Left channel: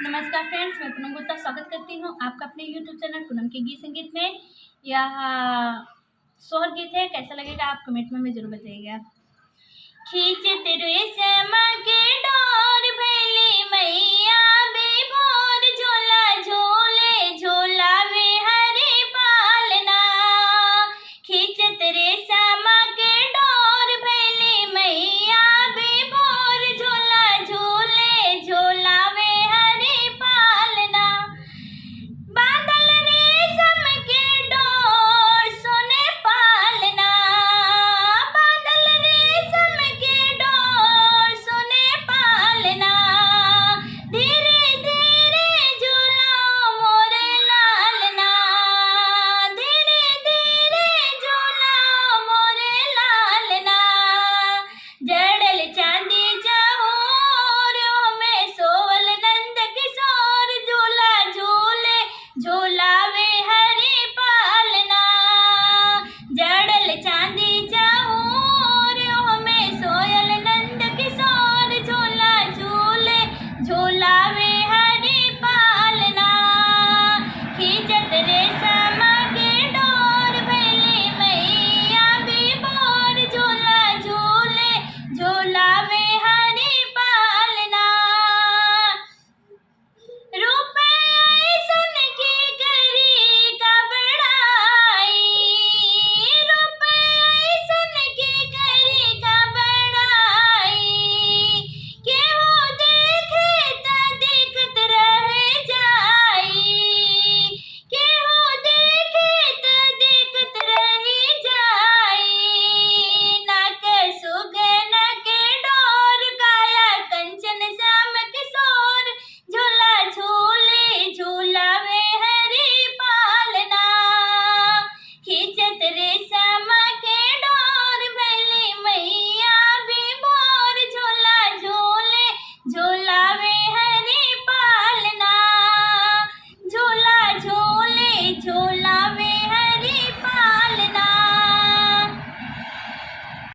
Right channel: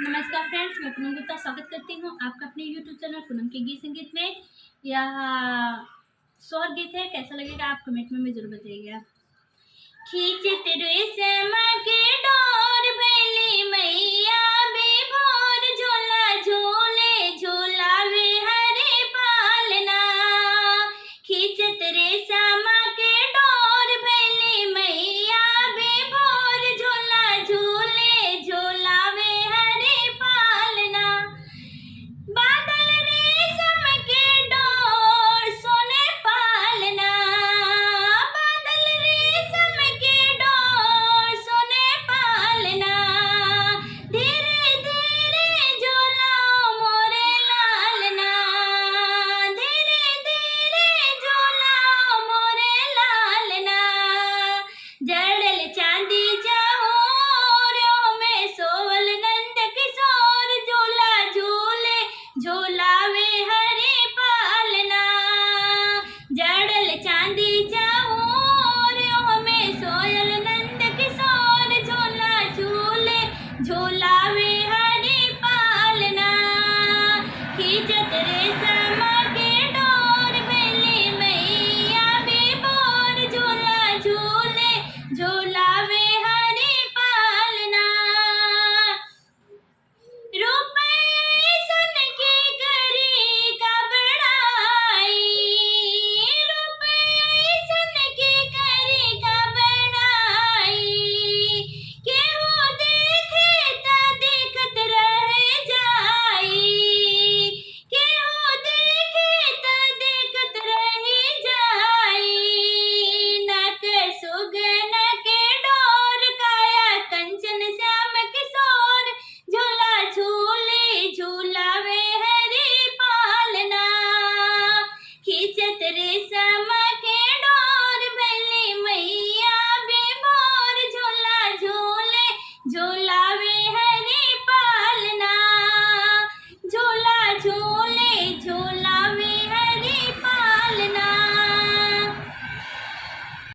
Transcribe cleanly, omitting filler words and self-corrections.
नमस्कार फ्रेंड्स, मैं पूनम गुप्ता स्वागत करती हूँ आपका अपने यूट्यूब चैनल पूनम के गीत संगीत में। यह शोहर गीत है, कैसा लगेगा आप कमेंट में जरूर बताइएगा। खींचत रेशम के डोर भैली मैया विभोर, झोला झोले झोलावे हरे पालना। खींचत रेशम के डोर भैली मैया विभोर, झोला झोले झोलावे हरे पालना। बादल रेशम के डोर सोने पालना, बादल रेशम के डोर सोने पालना। धीरे धीरे झूलाओ मोरे लालना, धीरे धीरे झूलाओ मोरे लालना। जड़ल चांदी जहोर में सोवल नंद किशोर, झूला झूले झूलावे हरे पालना। जड़ल चांदी जहोर में सोयल नंद किशोर, झूला झूले झूलावे हरे पालना। खींचत रेशम के डोर भैली मैया विभोर, झूला झूले झूलावे हरे पालना। रुपए ऐसन की करी का बड़ाई, रुपए ऐसन की करी का बड़ाई। केहू देखे त देखत रह जाई, केहू देखे त देखत रह जाई। नाक सुगन के डोर, काया कंचन श्याम किशोर, झूला झूले झूलावे हरे पालना। खींचत रेशम के डोर भैली मैया विभोर, झूला झूले झूलावे हरे पालना। झूला झूले